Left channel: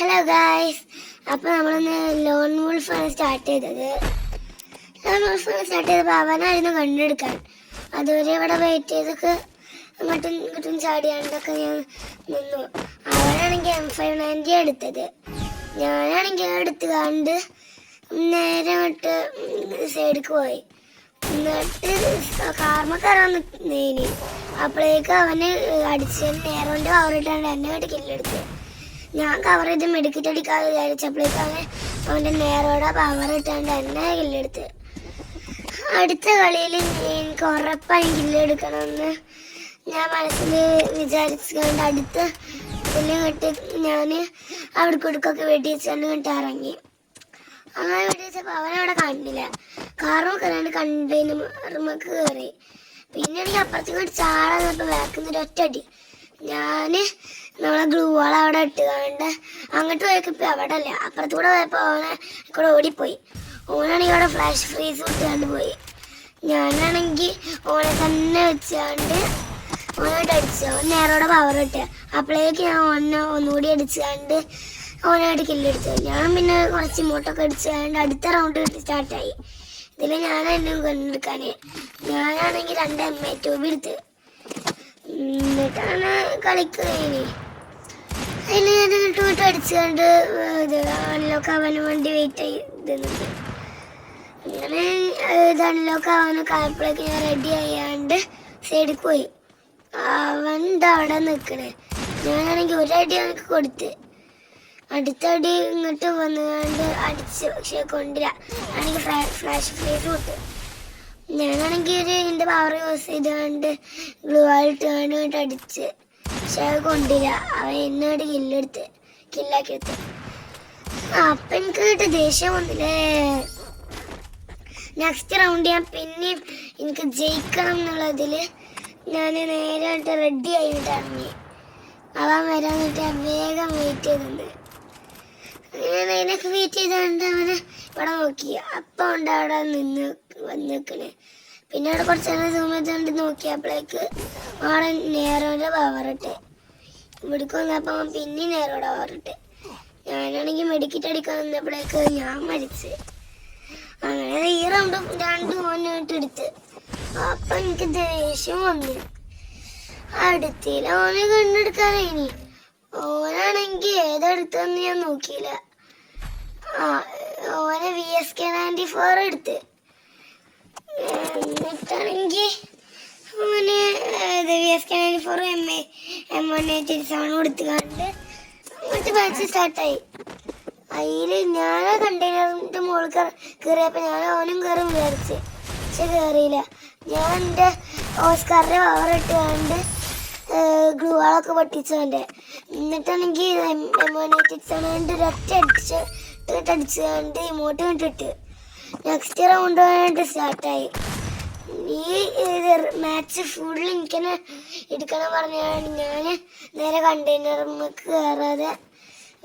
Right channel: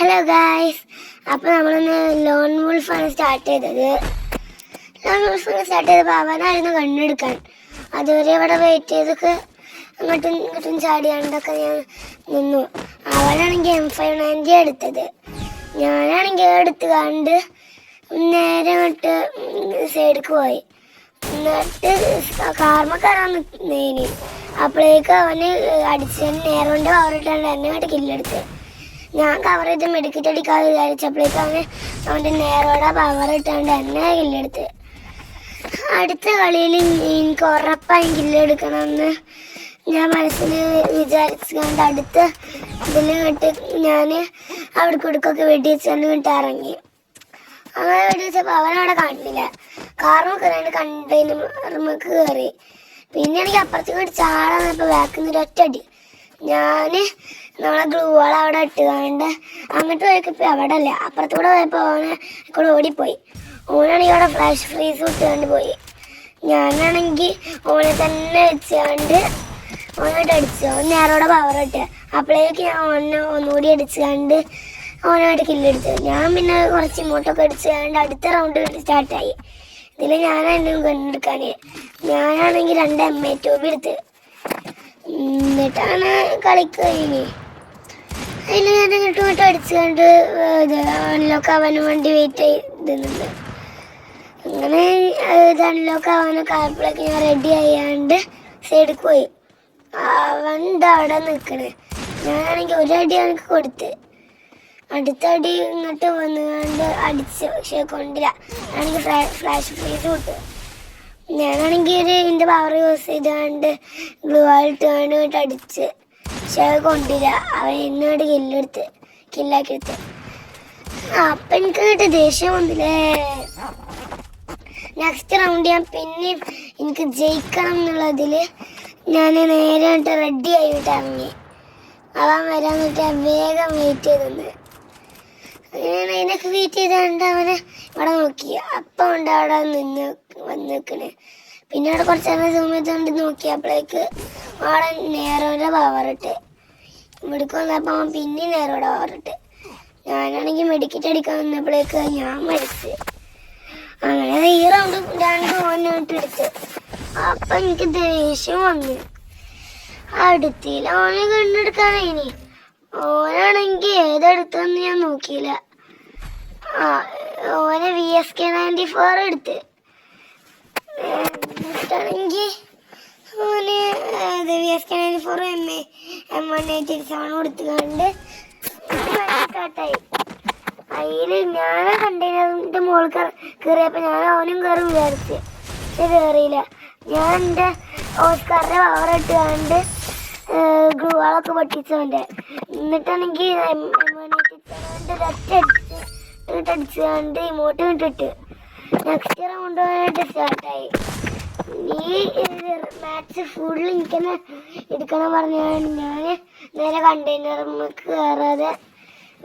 Hello guys, അപ്പോൾ നമ്മളിന്ന് loan വോൾഫാണ് start ചെയ്തത്. അവനായിരുന്നു കണ്ടെടുക്കാൻ. അതുവരെ ഇവിടെ വെയിറ്റ് ചെയ്തൊക്കെ അങ്ങോട്ടും ഇങ്ങോട്ടും ചാടിയാണ്ടൊക്കെ ഞാൻ നിന്നു. അവനാണെങ്കിൽ M590 എടുത്തത്. ഞാനാണെങ്കിൽ എടുത്ത് കണ്ട് നേരെ ഇങ്ങോട്ട് സൈഡിലേക്ക് പോയി. എന്നിട്ട് കാർമക്കാരാണ് നീനി. അപ്പോഴേക്കും അവന് അടിച്ചതിന് നേരെ കൊണ്ട് അവരിട്ടാണ്ട് എന്നെ ഇങ്ങോട്ട് കില്ലെടുത്ത്. ഞാൻ കവർ ചെയ്ത് മെഡിക്കറ്റ് അടിക്കാതെ വിചാരിച്ചപ്പോഴേക്കാണ് അവൻ്റെ നേരോടെ പവർ ഇട്ടാണ്ട് എന്നെ കില്ലെടുത്ത്. അടുത്ത കളിയിൽ എനിക്ക് ഉറപ്പായും കില്ലെടുക്കണമെന്ന് ഞാൻ മനസ്സിൽ വിചാരിച്ചുകൊണ്ട് അടുത്ത ഇതിൽ കിട്ട് ഞാൻ അവിടെ കുടുക്കൊക്കെ വെട്ടി വെച്ചുകൊണ്ട് കിട്ട് ഇറങ്ങി. അങ്ങനെ വെട്ടി വെച്ചപ്പോൾ അവനവിടെ കണ്ടില്ല. കാറും കയറിയാണ്ട് കണ്ടെയ്നർക്ക് കയറി. പിന്നെ എനിക്ക് അപ്പുറത്തേക്ക് ചാടാന്നപ്പോൾ ബാക്കിൽ നിന്ന് ഒറ്റടി ഞാൻ നമ്മളെ ഗ്ലൂവാൾ അവിടെ ഇട്ടുകൊണ്ട് അങ്ങോട്ട് പോയപ്പോൾ അവിടെ അല്ല അപ്പുറത്തൂടെ പോയപ്പോൾ ഓനെ കൂടെ ഓടിപ്പോയി. ഓനാണെങ്കിൽ അവിടെ ഫ്ലാഷ് ഫ്രീസ് വിട്ടുകൊണ്ട് പോയി. ഞാനാണെങ്കിൽ ഓനെ തന്നെ വെച്ചുകൊണ്ട് ഓനോട്ട് അടിച്ചു. ഓൻ നേരോടെ പവർ ഇട്ട്. അപ്പോഴേക്ക് ഞാൻ ഓനെ ഒന്നുകൂടി അടിച്ചുകൊണ്ട് ഓനോട്ട് കില്ലെടുത്തു. ഞാൻ പിന്നെ കുറച്ച് ഇങ്ങോട്ടൊക്കെ അടിച്ചുകൊണ്ട് അടുത്ത റൗണ്ട് സ്റ്റാർട്ടായി. ഇതിൽ ഞാനായിരുന്നു കണ്ടെടുക്കാൻ. ഞാനാണെങ്കിൽ 2 M2 എടുത്ത് എന്നിട്ടാണ് കളിക്കഴിഞ്ഞ്. അതിൽ ഞാൻ ഇങ്ങോട്ട് അടിച്ചുകൊണ്ട് ഇത് അൺലോക്ക് ആവാനും വേണ്ടി വെയിറ്റ് ചെയ്തിരുന്നത്. അങ്ങനെ ഇത് അൺലോക്ക് ആവാനൊക്കെ ആയപ്പോഴേക്ക് ഞാൻ റെഡി ആയാണ്ട് സൈഡിൽ പോയി. അവൻ അവിടെ നിൽക്കണേ. ഞാനാണെങ്കിൽ ഒരടി അവനക്ക് കൊടുത്ത്. അടുത്തടി ഇങ്ങോട്ട് വന്നുകൊണ്ട് അടിച്ച്. പക്ഷേ കൊണ്ടില്ല. ആണെങ്കിൽ ഫ്ലാഷ് ഫ്രീസ് കൊടുത്തു. ഞാനാണെങ്കിൽ എൻ്റെ പവർ യൂസ് ചെയ്താണ്ട് ഗ്ലൂ ആയിട്ടാണ് ഇങ്ങോട്ട് അടിച്ച്. പക്ഷെ അത് കൊണ്ടില്ല. അവൻ എന്നോട് കില്ലാക്കി എടുത്ത്. അപ്പം എനിക്ക് കേട്ട് ദേഷ്യം വന്നില്ലേ. നെക്സ്റ്റ് റൗണ്ട് ഞാൻ പിന്നെയും എനിക്ക് ജയിക്കണം എന്നുള്ളതിൽ ഞാൻ നേരായിട്ട് റെഡി ആയിട്ട് ഇറങ്ങി. അവൻ വരാൻ വേണ്ടി വേഗം വെയിറ്റ് ചെയ്തിരുന്നത്. അതിനൊക്കെ വെയിറ്റ് ചെയ്താണ്ട് അവനെ ഇവിടെ നോക്കി. അപ്പം ഉണ്ട് അവിടെ വന്നിക്കണേ. പിന്നെ അവിടെ കുറച്ച് നേരം സൂം ചെയ്തുകൊണ്ട് നോക്കിയപ്പോഴേക്ക് അവിടെ നേരോടെ പവറിട്ട്. ഇവിടേക്ക് വന്നപ്പോൾ അവൻ പിന്നെ നേരോടെ പവറിട്ട്. ഞാനാണെങ്കിൽ മെഡിക്കറ്റ് അടിക്കാൻ വന്നപ്പോഴേക്ക് ഞാൻ മരിച്ച്. അങ്ങനെ ഈ റൗണ്ട് 2 ഓനായിട്ട് എടുത്ത്. അപ്പം എനിക്ക് ദേഷ്യം വന്നു. അടുത്തില്ല ഓനെ കണ്ടെടുക്കാനായിനി. ഓനാണെങ്കിൽ ഏതെടുത്തെന്ന് ഞാൻ നോക്കിയില്ല. ഓനെ VSK94 എടുത്ത്. എന്നിട്ടാണെങ്കിൽ ഓന് VSK94 M187 കൊടുത്തുകൊണ്ട് മാച്ച് സ്റ്റാർട്ടായി. അതിൽ ഞാൻ കണ്ടെയ്നറിൻ്റെ മുകളിൽ കയറിയപ്പോൾ ഞാൻ ഓനും കയറി വിചാരിച്ച്. പക്ഷെ കയറിയില്ല. ഞാൻ എൻ്റെ ഓസ്കാറിൻ്റെ പവർ ഇട്ടുകൊണ്ട് ഗ്ലൂവാളൊക്കെ പൊട്ടിച്ചവൻ്റെ. എന്നിട്ടാണെങ്കിൽ M187 അടിച്ചുകൊണ്ട് ഇമോട്ട് വിട്ടിട്ട് നെക്സ്റ്റ് റൗണ്ട് വേണ്ടിയിട്ട് സ്റ്റാർട്ടായി. ഈ മാച്ച് ഫുൾ എനിക്ക് തന്നെ എടുക്കണം പറഞ്ഞാണ് ഞാൻ നേരെ കണ്ടെയ്നർക്ക് കയറാതെ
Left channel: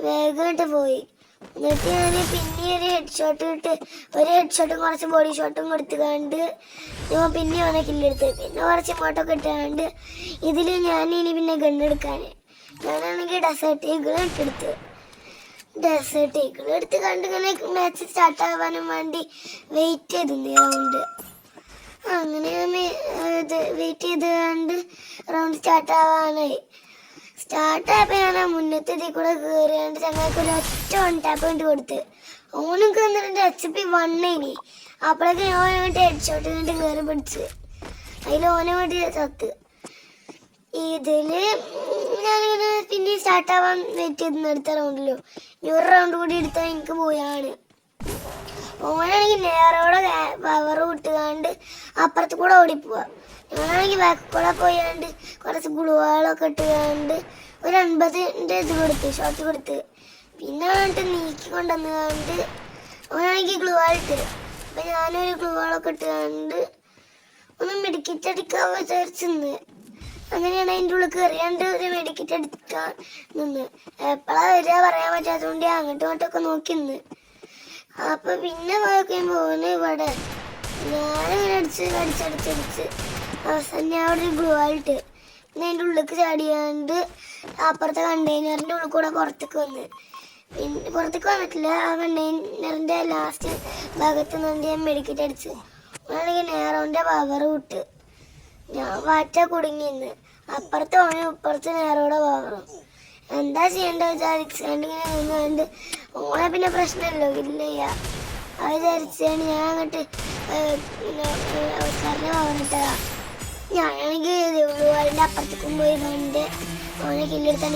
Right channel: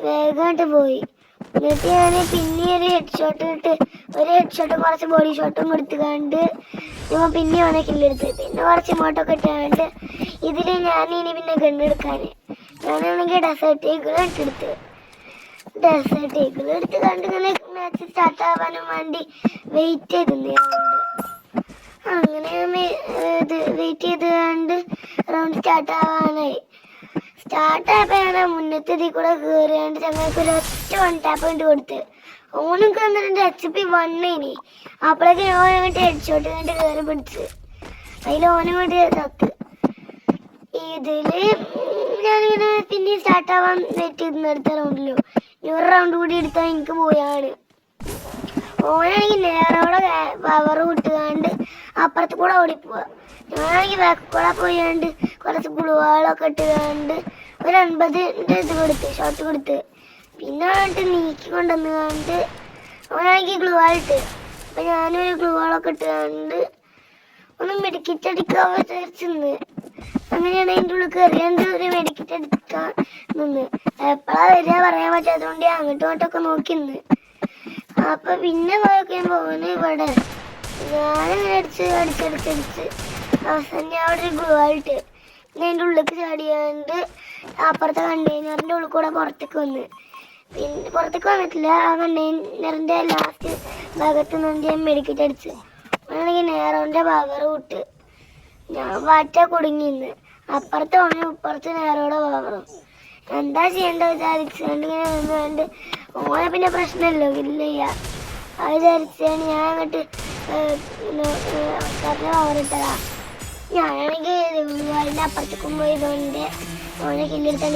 വേഗമായിട്ട് പോയി. എന്നിട്ട് ഞാൻ പിന്നെ ഒരു ഹെഡ് ഷോട്ടും കുറച്ച് ബോഡി ഷോട്ടും കൊടുത്തുകൊണ്ട് ഞാൻ പിന്നെ അവനെ കില്ലെടുത്ത്. പിന്നെ കുറച്ച് ഇമോട്ടൊക്കെ ഇട്ടുകൊണ്ട് ഇതിൽ ഞാനിനി പിന്നെ ഗണ്ണെടുക്കാൻ ഞാനാണെങ്കിൽ ഡെസേർട്ട് ഈഗിൾ എടുത്ത് കണ്ട് ഇങ്ങനെ മാച്ച് സ്റ്റാർട്ട് ആവാനും വേണ്ടി വെയിറ്റ് ചെയ്തിരുന്നു റൗണ്ട്. അങ്ങനെ വെയിറ്റ് ചെയ്തുകൊണ്ട് റൗണ്ട് സ്റ്റാർട്ടായപ്പോൾ ഞാൻ മുന്നത്തെ ഇതിൽ കൂടെ കയറിയാണ്ട് ചങ്ങായിക്ക് ഒറ്റ 1 ടാപ്പ് കൊണ്ട് കൊടുത്ത്. ഓനൊക്കെ വന്നിട്ട് HP 1 ഇനി. അപ്പോഴേക്ക് ഞാൻ അങ്ങോട്ട് ഹെഡ് ഷോട്ട് കണ്ട് കയറി പിടിച്ച്. അതിൽ ഓനും വേണ്ടി ചത്ത്. ഇതിൽ ഞാനിങ്ങനെ പിന്നെ സ്റ്റാർട്ടാവാൻ വെയിറ്റ് ചെയ്ത് അടുത്ത റൗണ്ടിലോ ഒരു റൗണ്ട് കൂടി എടുത്താൽ എനിക്ക് പോയാണ്. ഓനാണെങ്കിൽ നേരോടെ പവർ വിട്ടുകൊണ്ട് അപ്പുറത്ത് കൂടെ ഓടിപ്പോവാ. ഞാനാണെങ്കിൽ ബാക്ക് കൂടെ പോയാണ്ട് കുറച്ച് ഗ്ലൂവാളൊക്കെ ഇട്ടുകൊണ്ട് ഒരു 50ൻ്റെ ഇത് കൊടുത്ത് ഷോട്ട് കൊടുത്ത്. പിന്നെ ആയിട്ട് നീക്കി കൊണ്ടുവന്നുകൊണ്ട് ഓനാണെങ്കിൽ ഗ്ലൂവാളിട്ട്. അപ്പം ഞാനൊരു ഗ്ലൂവാളൊക്കെ ഇട്ടുകൊണ്ട് ഒന്ന് മെഡിക്കറ്റ് അടിക്കാൻ വിചാരിച്ചെന്ന്. അങ്ങനെയാണ് അതിൻ്റെ ഉള്ളിൽ കയറിയാണ്ട് ഒരു മെഡിക്കറ്റ് അടിക്കാൻ നിന്ന്. എപ്പോഴാണ് വരിക പറയാൻ പറ്റാത്തതുകൊണ്ട് ഞാൻ അങ്ങോട്ടും ഇങ്ങോട്ടൊക്കെ നോക്കിന്ന്. അപ്പൊ പിന്നെ പോയി കഴിയുമ്പോൾ ഓന് ഇവിടെ ഞാൻ അടിച്ച് അവസാനം ഞാൻ അവിടെ ഒരു ഗ്ലൂവാളിട്ട് പിന്നെ അതിൻ്റെ ഉള്ളിലേക്ക് ചാടിയാണ്ട് അപ്പുറത്തെ കണ്ടെയ്നറിൻ്റെ ഉള്ളിൽ കൂടെ പുറത്തേക്ക് വന്ന്. പിന്നെ പുറത്തേക്ക് വന്നിട്ടില്ല. ആ കണ്ടെയ്നറിന്റെ ലാസ്റ്റ് ഭാഗത്ത് നിന്ന് ഞാൻ മെഡിക്കറ്റ് അടിച്ച് ആണെങ്കിൽ നേരോന്റെ പവർ വിട്ട് ഞാൻ വാറ്റ കുടുങ്ങിന്ന്. അപ്പുറത്ത് ഓനെ ഇപ്പുറത്ത് നേരോടെ പവറും. എന്താ ചെയ്യേണ്ടത് വിചാരിച്ചാണ്ട് ഇങ്ങനെ നിന്നുകൊണ്ട് ഓനെ പിന്നെ പ്രശ്നമല്ലോ ഇല്ലയ്യ അത് വിചാരിച്ചാണ് ഞാൻ അങ്ങോട്ട് ഓനിട്ടതാ. ഞാനാണെങ്കിൽ അതിൻ്റെ അപ്പുറത്തേക്കും പോയി ഓനെ കില്ലെടുത്താൽ